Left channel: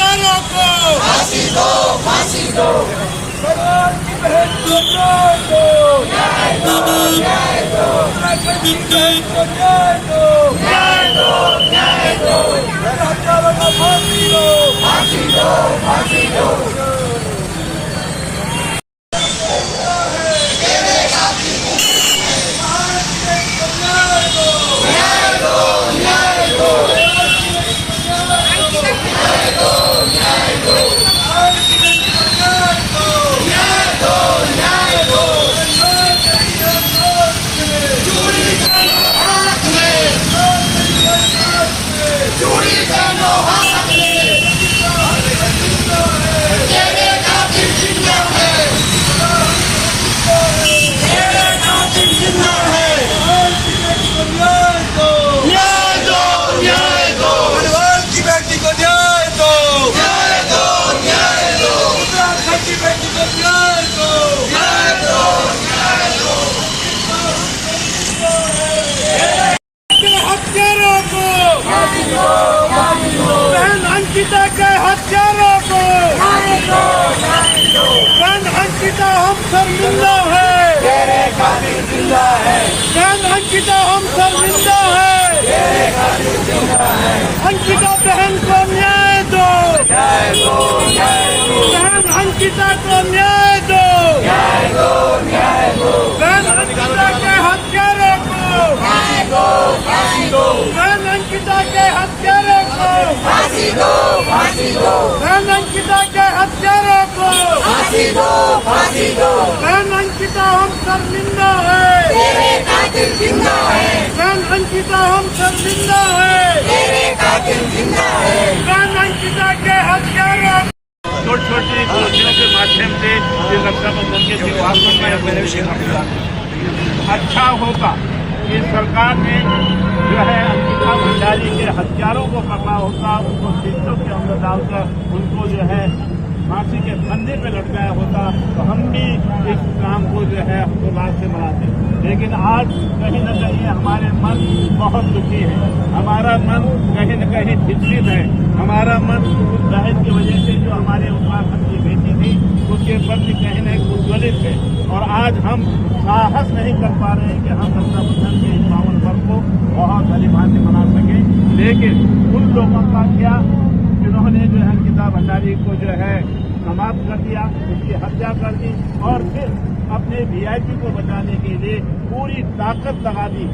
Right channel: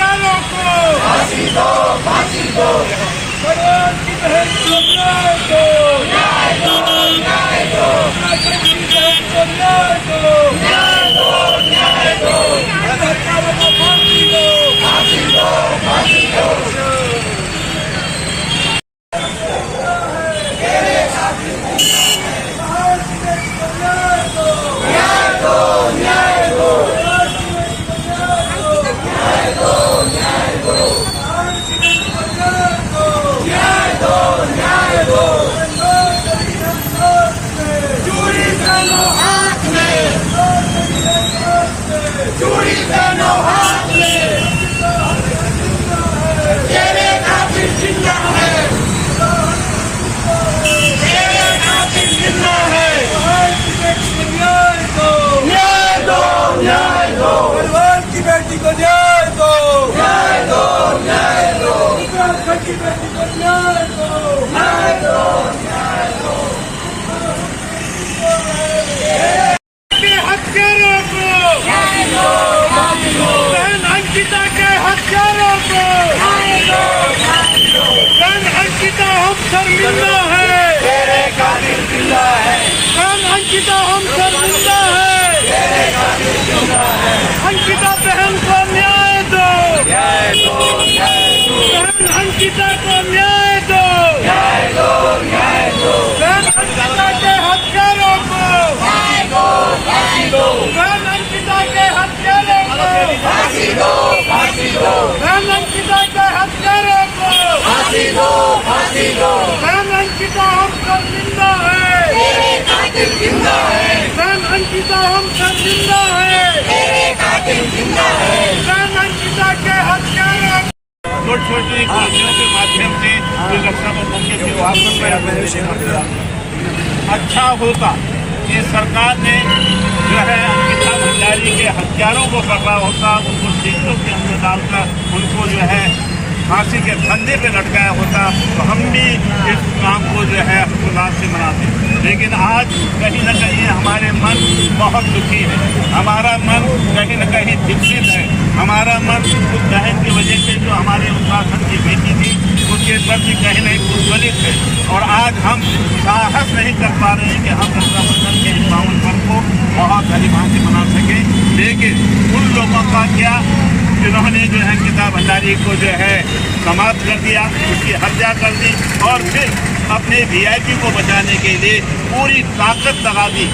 हत्यारों को फांसी दो, फांसी दो। भगवान की बहन को न्याय दो, न्याय दो, न्याय दो। उत्तराखंड की बहन को न्याय दो, न्याय दो, न्याय दो। हत्यारों को फांसी दो, फांसी दो, फांसी दो। न्याय दो, न्याय दो। न्याय दो, न्याय दो। न्याय दो, न्याय दो। चूड़ी पहनो हाथ में, चूड़ी पहनो हाथ में। तेरे कातिल जिंदा है, तेरे कातिल जिंदा है। न्याय दो, न्याय दो, न्याय दो। भगवान की बेटी को न्याय दो, न्याय दो, न्याय दो। उत्तराखंड की बेटी को न्याय दो, न्याय दो, न्याय दो। के हत्यारों को फांसी दो, फांसी दो। बहन अंकिता के हत्यारों को फांसी दो, फांसी दो। बहन अंकिता हम शर्मिंदा है, तेरे कातिल जिंदा है, बहन अंकिता हम शर्मिंदा है, तेरे कातिल जिंदा है। अंकिता बहन को न्याय दो, न्याय दो, न्याय दो। बहन अंकिता को न्याय दो, न्याय दो, न्याय दो। बहन अंकिता के हत्यारों को, फांसी दो, फांसी दो। बहन अंकिता के हत्यारों को, फांसी दो, फांसी दो। बहन अंकिता के हत्यारों को, फांसी दो, फांसी दो। बहन अंकिता हम शर्मिंदा है, तेरे कातिल जिंदा है, बहन अंकिता हम शर्मिंदा है, तेरे कातिल जिंदा है। बहन अंकिता के हत्यारों छोटी छोटी योजनाओं के माध्यम से ये रक्षा बंधन के त्योहार अच्छा होता कि सरकार ने जो है अंकिता भंडारी के हत्यारों को पकड़ा होता, उनको जेलों के अंदर डालकर उनको जो है फांसी के फंदे पे लटकाया होता तो हम भी इस काम को जो है उल्लास से मनाते। लेकिन आज कहीं न कहीं हमारे मन बहुत दुखी है, हमारा मन कहीं न कहीं चिंतित है, हमारा मन उस बहन की वजह से जो हमारे उत्तराखंड की बेटी थी उसके प्रति कहीं न कहीं उज्ज्वलित है। और आज हम साहस नहीं कर पा रहे हैं कि हम रक्षाबंधन के इस पावन पर्व को बहुत भली भांति मना सकें। लेकिन उन लोगों का क्या जिन्होंने जो है अंकिता भंडारी को जो है समाप्त कर दिया, उसकी हत्या कर दी और फिर अपने वीआईपी को बचाने के लिए पूरी ताकत लगा दी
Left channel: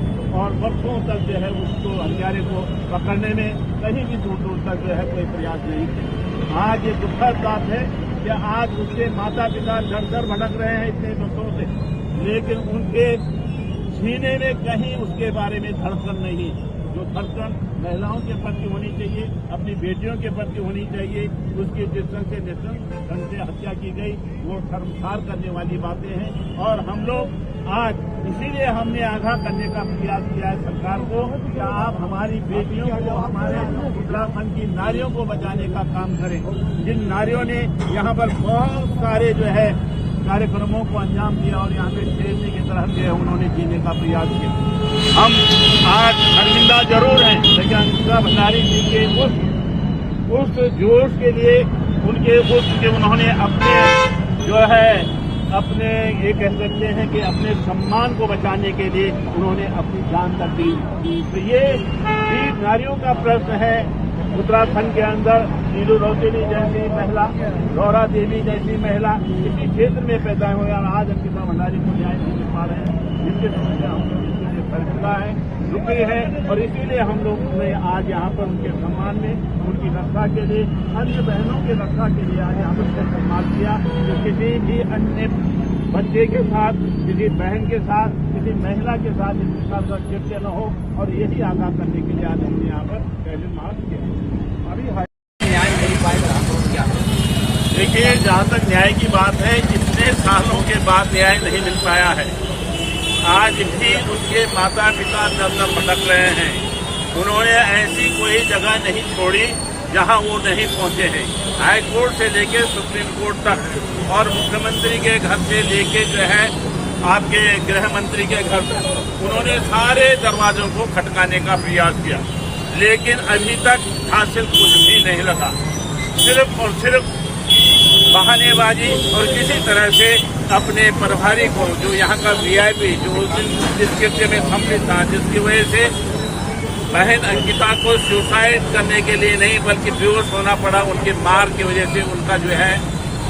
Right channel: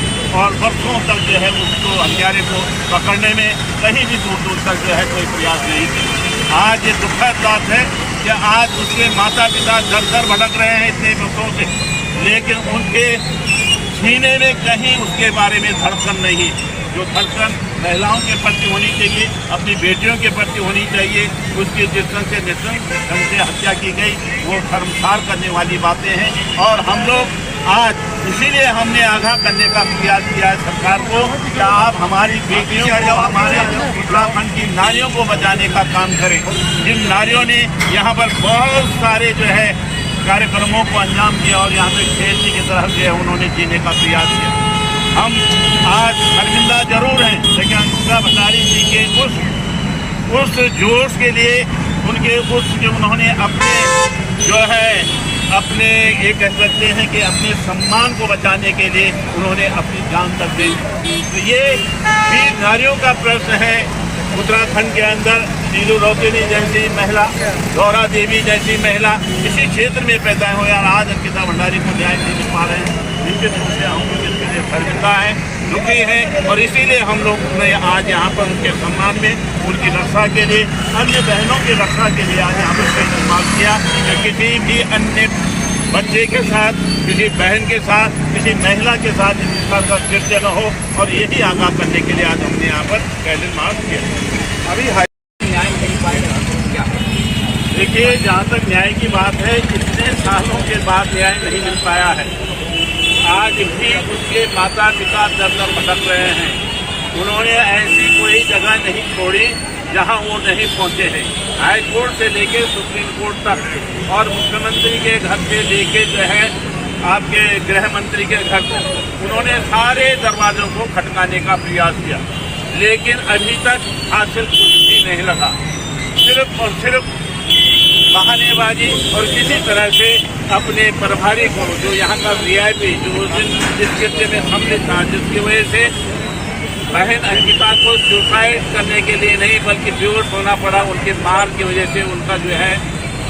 और वर्षों तक जो है उसको हत्यारे को पकड़ने में कहीं भी दूर दूर तक जो है कोई प्रयास नहीं किया। आज ये दुखद बात है कि आज उसके माता पिता दर दर भटक रहे हैं इतने वर्षों से, लेकिन उनके सीने में कहीं उसके बारे में धड़कन नहीं। जो धड़कन महिलाओं के प्रति होनी चाहिए, अपनी बेटियों के प्रति होनी चाहिए, उसकी जिस ढंग से निश्चित ढंग से हत्या की गई वो शर्मसार करने वाली बातें हैं। और हम लोग आज इसीलिए हमने आगाह करने का प्रयास किया है सरकार को कि आप हमारी बेटियों को, हमारे उत्तराखंड की नारियों को बचाने का काम करें। जिन नारियों ने यहाँ पर बहुत सारे जो है कार्यक्रमों को अंजाम दिया और यहाँ पे खेल की तरह जो है उन्होंने जीने का प्रयास किया। हम आज शर्मिंदा जरूर हैं, लेकिन अंकिता भंडारी जी के उस जोश के लिए, उनके उस जो उन्होंने अपने जो है अपने ये कह सकते हैं कि अपने सम्मान को बचाने के लिए उन्होंने अपनी जान तक दे दी। तो ये वीर नारियों का प्रश्न है। उत्तराखंड के अंदर नीलू रोतेनी जैसी महिला, गौरा देवी जैसी महिला इसी क्षेत्र में पैदा हुए और आज अंकिता भंडारी को न्याय नहीं मिल पा रहे हैं। निश्चित रूप से हम लोग इसके लिए शर्मिंदा है, दुखी है और इसीलिए हम लोग ने आज यहाँ पर उनके सम्मान में, उनकी रक्षा के लिए, अन्य बहनों की रक्षा के लिए आज यहाँ पर इस्तेमाल किया कि किसी भी अन्य बच्चे के साथ, किसी बहन के साथ, किसी महिला के साथ इस प्रकार का कृत्य न हो। और यही आगाह करने के लिए आज हमने यहाँ पर कैंडल मार्च किया। अभी न्याय नहीं पाएगा तो क्या? देखिए, जहाँ तक न्याय की बात है, कितने सालों के बाद न्याय नहीं मिल पाया है। आज भी उसके माता पिता दर दर भटक रहे हैं। उन्होंने ऐसी कोई जगह नहीं छोड़ी जहां वो नहीं पहुंचे हैं। हाई कोर्ट से लेके सुप्रीम कोर्ट तक और मुख्यमंत्री के घर से लेके जो है आपके गृह मंत्री के घर तक उन्होंने सारे दरवाजों को खटकाने का प्रयास किया, लेकिन अभी तक हासिल कुछ भी नहीं लगा। सिर्फ और सिर्फ बहानेबाजी और किसी तरह से अपने प्रभारी को, जो यहाँ का वीआईपी, जो उस दिन जिस कृत्य में सम्मिलित था, जिसकी वजह से बहन अंकिता को सुसाइड करने के लिए नहीं बल्कि बेहोश होना पड़ा, उनके मार की वजह से उनका जो है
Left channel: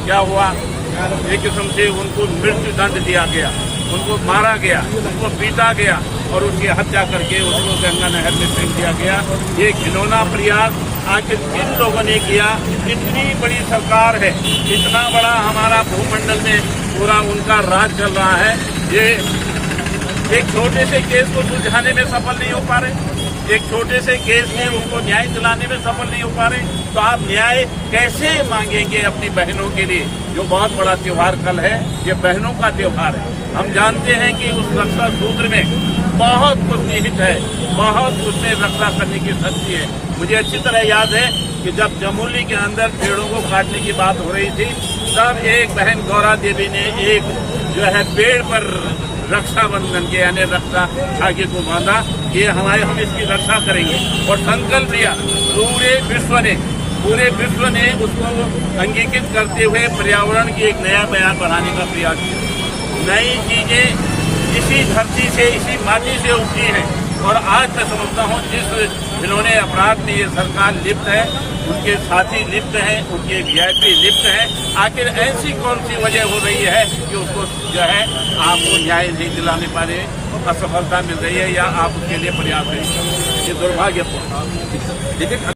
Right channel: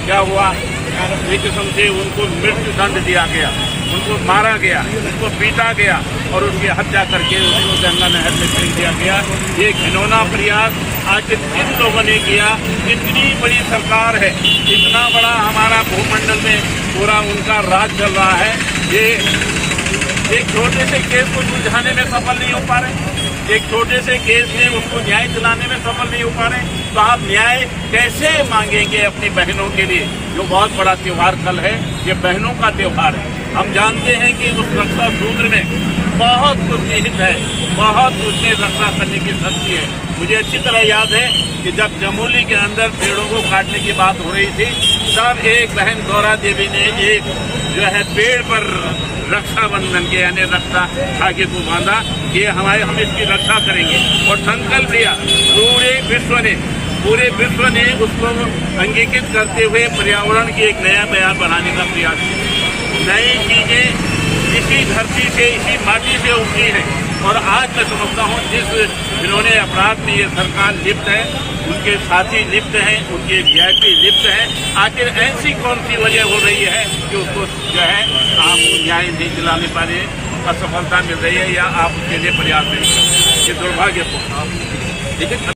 क्या हुआ, एक किस्म से उनको मृत्यु दंड दिया गया, उनको मारा गया, उनको पीटा गया और उनकी हत्या करके उसको गंगा नहर में फेंक दिया गया। ये घिनौना प्रयास आखिर किन लोगों ने किया? इतनी बड़ी सरकार है, इतना बड़ा हमारा भूमंडल में पूरा उनका राज चल रहा है, ये एक छोटे से केस को सुलझाने में सफल नहीं हो पा रहे, एक छोटे से केस में उसको न्याय दिलाने में सफल नहीं हो पा रहे, तो आप न्याय कैसे मांगेंगे अपनी बहनों के लिए? जो बहुत बड़ा त्योहार कल है, ये बहनों का त्योहार है। हम जानते हैं कि उस रक्षा सूत्र में बहुत कुछ निहित है, बहुत उसमें रक्षा करने की शक्ति है। मुझे अच्छी तरह याद है कि जब चमोली के अंदर पेड़ों को काटने की बात हो रही थी, तब एक बहन गौरा देवी ने एक जो है पेड़ पर रक्षाबंधन के यानी रक्षा धागे को बांधा कि हम इसकी रक्षा करेंगे और संकल्प लिया। पूरे विश्व ने उसको अंगीकृत करते हुए पर्यावरण की एक नया बयान बनाने का प्रयास किया। नई चीजें इसी धरती से, इसी माटी से उठी है और आज मैं समझता हूँ जिस जिन्होंने अपराध में ये सरकार लिप्त है, उनके साथी लिप्त हैं, उनके वीआईपी लिप्त हैं। आखिर ऐसी कौन सी वजह हो रही है कि उसको जो है आपको न्याय नहीं दिलाने पा रहे, असफलता मिल रही है या आप उसके लिए प्रयास नहीं कर रहे? ये दुर्भाग्यपूर्ण।